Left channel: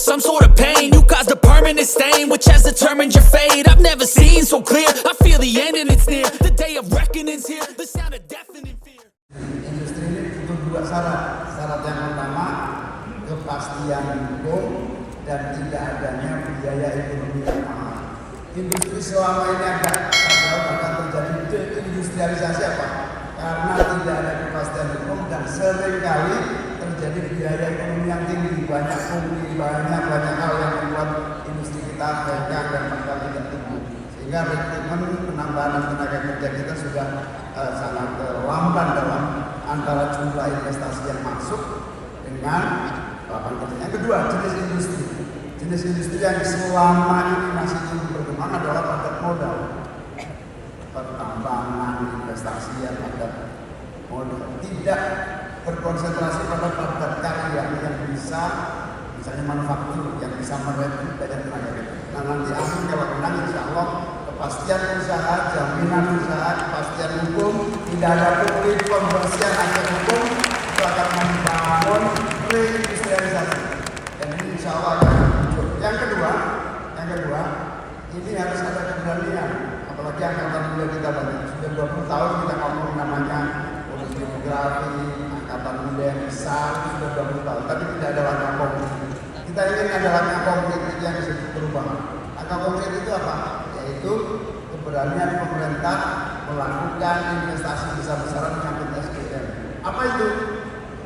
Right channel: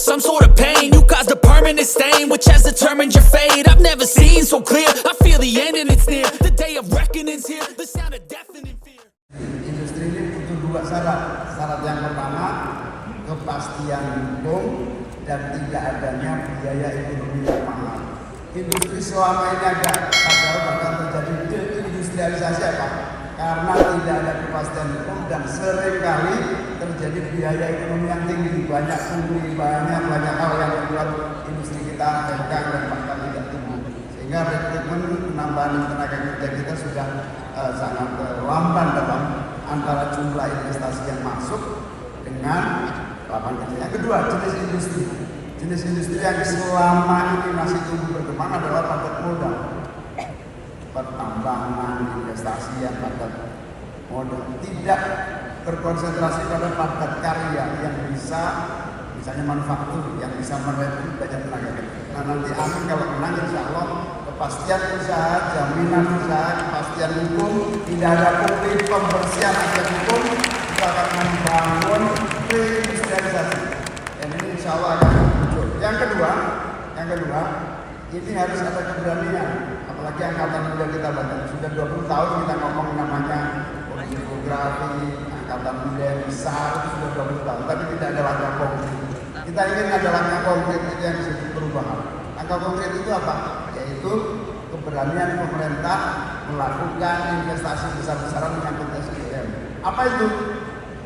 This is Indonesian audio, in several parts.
some sort of pain. You caused a permanent stain, which has determined your fate. I've never seen so clear. I feel the end and it's near. The day of reckoning's here. The sound of deafening fear. Industri ini butuh dua syarat. Syarat yang pertama, kepastian hukum dan tidak adanya biaya ekonomi yang mahal. Industri selama ini ada, padahal bahkan terjadi deindustrialisasi apa? Karena tidak ada kepastian hukum dan seringkali terjadi biaya ekonomi yang tinggi, banyak pungli, banyak hal yang membuat industri kita gagal dan bahkan tidak tumbuh. Sehingga rekrutmen penambahan tenaga kerja kita sudah sangat lamban dalam antara jumlah investasi yang masuk dengan lapangan kerja. Yang kedua, jenis industri. Jenis industri yang selama ini masih tumbuh berkembang adalah padat modal. Pertambangan, investasi yang padat modal, tidak terkonsentrasi pada padat karya yang bisa, misalnya manufaktur yang bisa merekrut banyak tenaga kerja. Nah nanti amin kalau menang insya Allah kepastian usaha, jaminan usaha, kepastian hukum, tidak ada pungli, pembersihan aset hukum itu akan membangun reindustrialisasi. Dan ini insya Allah akan muncul. Yang kedua, ini harus ada keberanian. Apalagi angkatan muda kita banyak. Sudah 20 tahun kita ngomong namanya demografi, angkatan muda yang besar, sudah 20 tahun. Tapi tidak ada langkah konkret. Kita ingin ada langkah konkret yang bisa perubahan. Langkah konkret itu apa? Yaitu keberanian pemerintah melakukan investasi besar-besaran menyangkut SDM. Apa itu?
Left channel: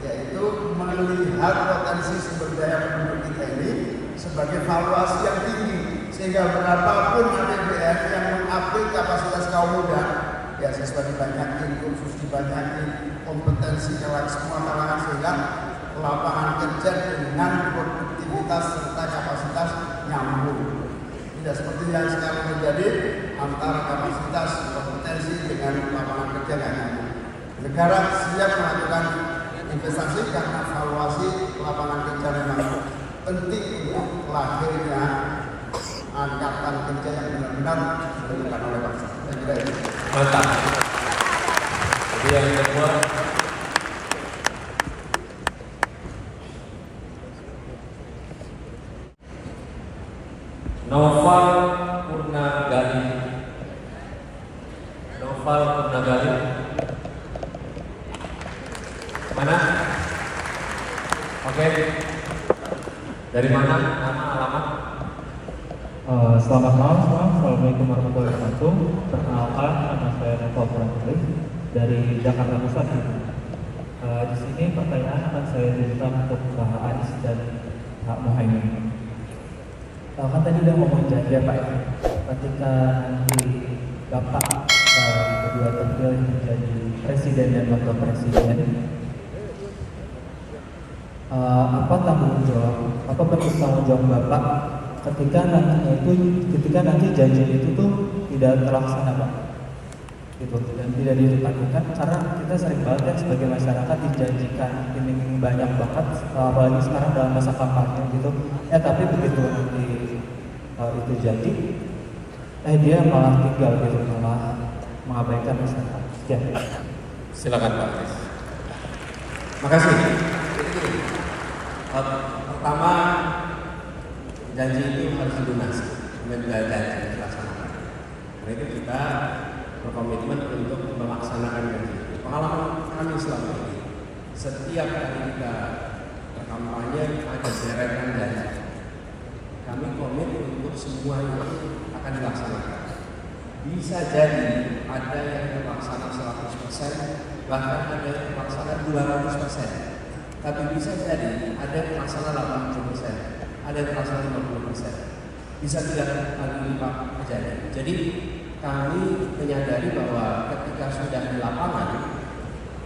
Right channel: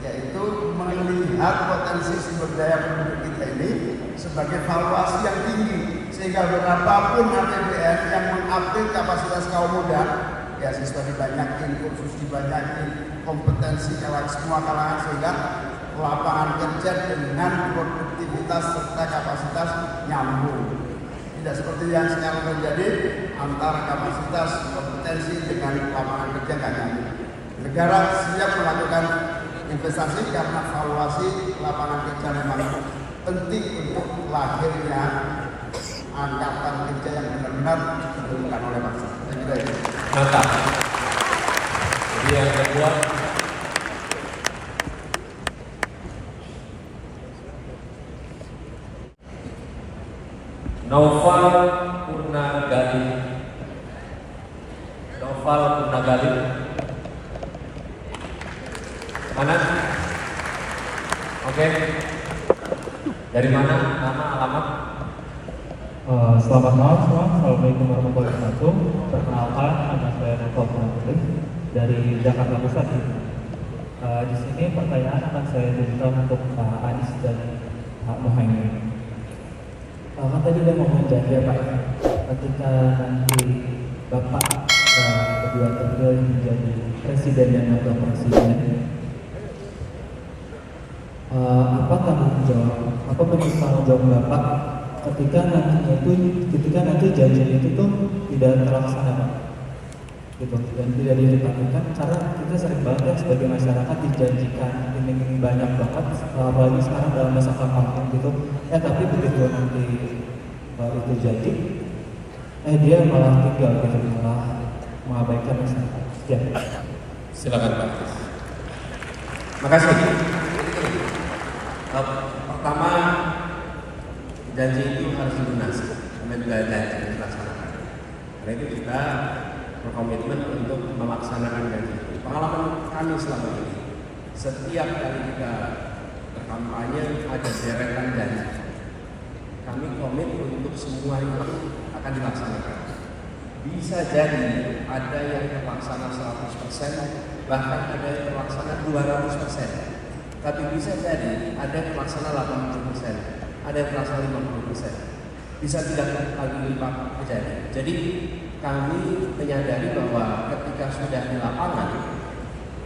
Yaitu melihat potensi sumber daya penduduk kita ini sebagai valuasi yang tinggi, sehingga berapapun APBN yang mengupgrade kapasitas kaum muda, ya siswa dibanyakin, kursus dibanyakin, kompetensi semua kalangan, sehingga lapangan kerja dengan produktivitas serta kapasitas nyambung. Tidak seperti yang sekarang terjadi antara kapasitas kompetensi dengan lapangan kerja kan. Negara siap melakukan investasi karena valuasi lapangan kerja memang penting untuk lahirnya angkatan kerja yang benar-benar diperlukan oleh bangsa. Mantap. Yang kedua, Noval Purnagali. Mana? Oke. Dari mana? Nama, alamat? Selamat malam semua. Assalamualaikum warahmatullahi wabarakatuh. Perkenalkan, nama saya Noval Purnagali dari Jakarta Pusat. Di sini pertanyaan akan saya berikan untuk Pak Anies dan Pak Muhaimin. Kan tadi udah ngomong janji ya Pak, ketika nanti Bapak kedua terpilih menjadi presiden dan wakil presiden, apa tanggung jawab, apa bentuk tanggung jawab Bapak ketika nanti janji itu tuh tidak terlaksana Pak, gitu, dan tidak dilakukan. Cara kita sering banget sebagai masyarakat dijanjikan ini banyak banget, apalagi sekarang dalam masa kampanye gitu, tapi begitu nanti itu jadi, dia malah tinggal gitu, malah mengabaikan masyarakat. Ya. Silakan Pak. Makasih. Pertama, janji itu harus dilunasi, janji dilaksanakan. Karena itu kita berkomitmen untuk melaksanakan janji. Pengalaman kami selama ini, setiap kali kita berkampanye ada deretan janji. Kami komit untuk semua itu akan dilaksanakan. Bisa jadi ada yang terlaksana 100%, bahkan ada yang terlaksana 200%. Tapi bisa jadi ada yang terlaksana 80%, ada yang terlaksana 50%. Bisa tidak kali lipat terjadi. Jadi kami menyadari bahwa ketika sudah di lapangan,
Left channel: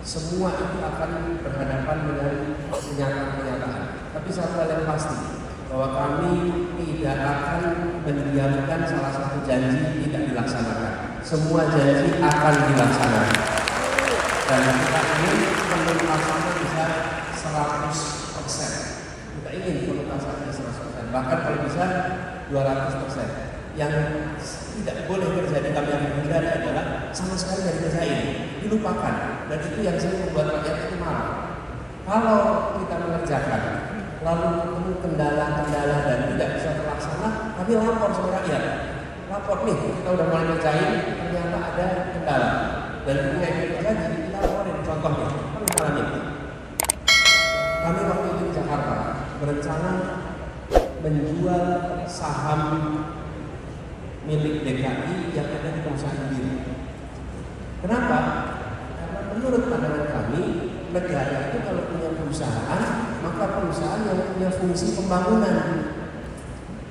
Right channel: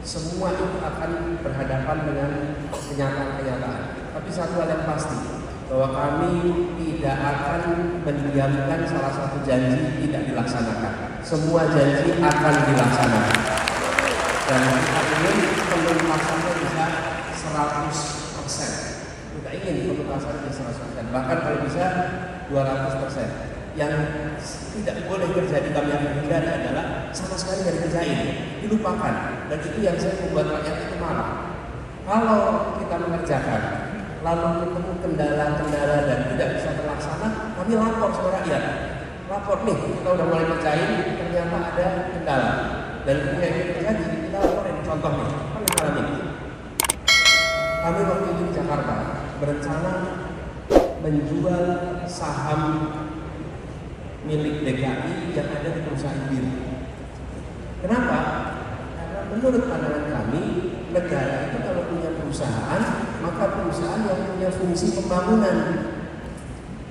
semua itu akan berhadapan dengan kenyataan-kenyataan. Tapi satu hal yang pasti, bahwa kami tidak akan mendiamkan salah satu janji tidak dilaksanakan. Semua janji akan dilaksanakan. Dan ini penuntasannya bisa 100%. Kita ingin penuntasannya 100%. Bahkan kalau bisa 200%. Yang tidak boleh terjadi kami yang menghindari adalah sama sekali dari kerjain, dilupakan. Dan itu yang sering membuat rakyat itu marah. Kalau kita mengerjakan, lalu ketemu kendala-kendala dan tidak bisa terlaksana, kami lapor sama rakyat. Lapor nih, kita udah mulai ngerjain, ternyata ada kendala. Dan ketika itu terjadi, kita laporin. Contohnya, kami waktu itu di Jakarta berencana menjual saham milik DKI yang ada di perusahaan diri. Kenapa? Karena menurut pandangan kami, negara itu kalau punya perusahaan, maka perusahaan yang punya fungsi pembangunan.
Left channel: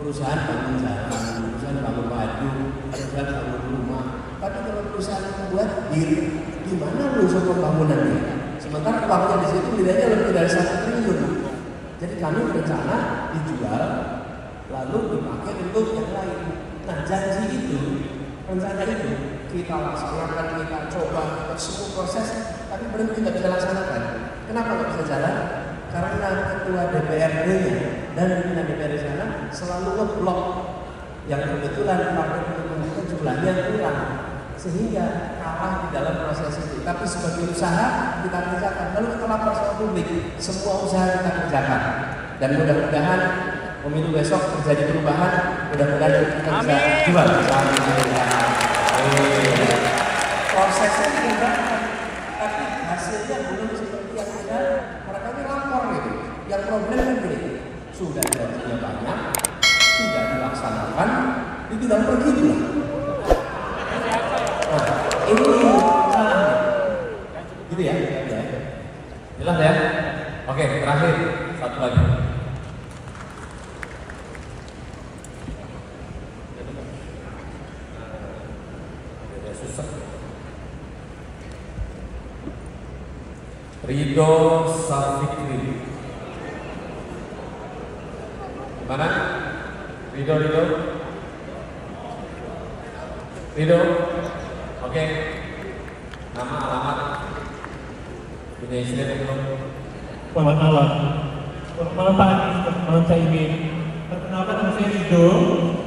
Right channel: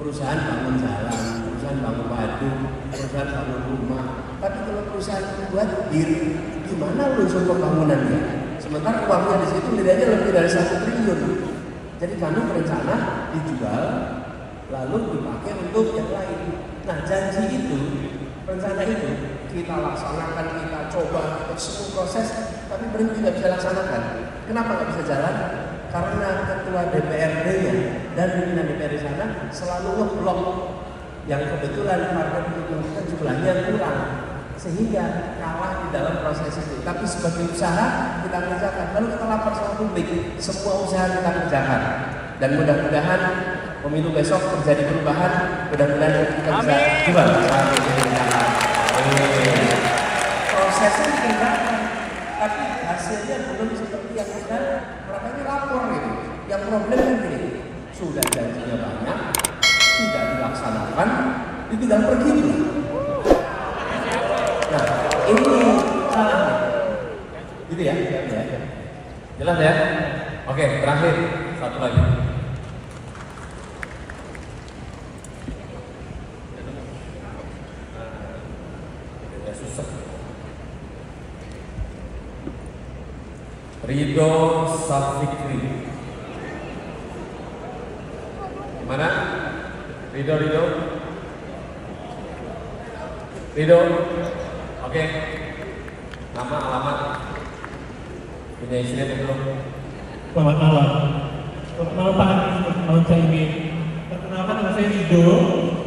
Perusahaan bangun jalan, perusahaan bangun baju, perusahaan bangun rumah. Tapi kalau perusahaan membuat diri, di mana unsur pembangunannya? Sementara uangnya di situ tidaknya lebih dari 1 triliun. Jadi kami berencana dijual, lalu dipakai untuk yang lain. Nah, janji itu, rencana itu kita laksanakan, kita coba, kita semua proses, tapi berhenti nggak bisa laksanakan. Kenapa nggak bisa jalan? Karena ketua DPRD-nya dan pimpinan DPR di sana selalu ngeblok yang kebetulan partai pendukung jumlahnya kurang, sehingga kalah di dalam proses itu. Tapi sebagai usaha kita kerjakan, lalu kita lapor sama publik, semua usaha kita kerjakan. Dan mudah-mudahan pemilu besok terjadi perubahan, mudah-mudahan kita bisa jual saham ini. Prosesnya dikerjakan, tapi hasilnya belum seperti yang kita mereka ini lapor gitu. Yang problem ini sudah janjinya banyak, tidak dilaksanakan, ditinggal pergi juga. Nah, ini salahnya. Gitu ya? Jelas ya? Oke, terakhir satu lagi. Ridho Salfikri. Mana? Ridho. Oke. Nama, alamat. Punya istri itu. Selamat malam. Selamat malam Pak Anies, selamat malam Cak Imin. Perkenalkan nama saya Ridho.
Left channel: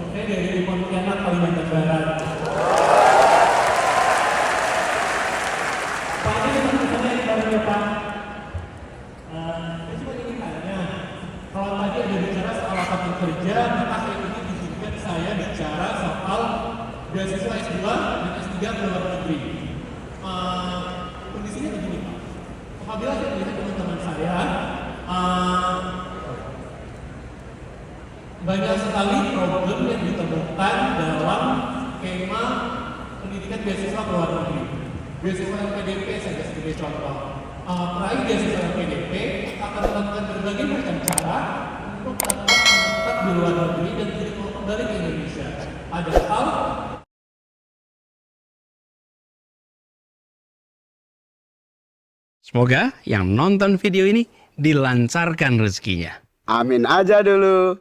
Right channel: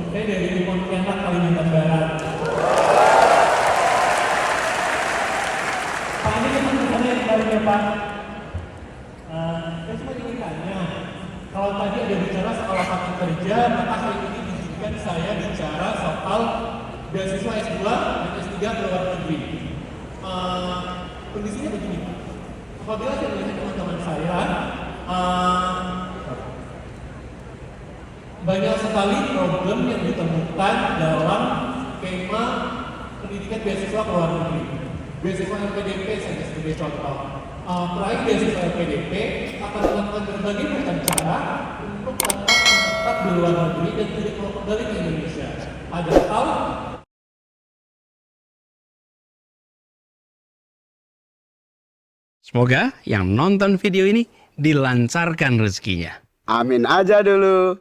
Saya dari Pontianak, Kalimantan Barat. Pak Anies, saya ditanya ya Pak. Saya cuma ingin tanya, kalau tadi ada bicara soal lapangan kerja, maka saya ingin izinkan saya bicara soal beasiswa S2 dan S3 ke luar negeri. Kondisinya begini, apabila saya melihat teman-teman saya, banyak sekali problem yang ditemukan dalam skema pendidikan beasiswa ke luar negeri. Beasiswa LPDP saya sebagai contoh. Peraih beasiswa LPDP akan melakukan berbagai macam cara untuk tetap di luar negeri dan tidak kembali ke Indonesia. Padahal semoga yang nonton video ini dilancarkan rezekinya. Amin aja dulu.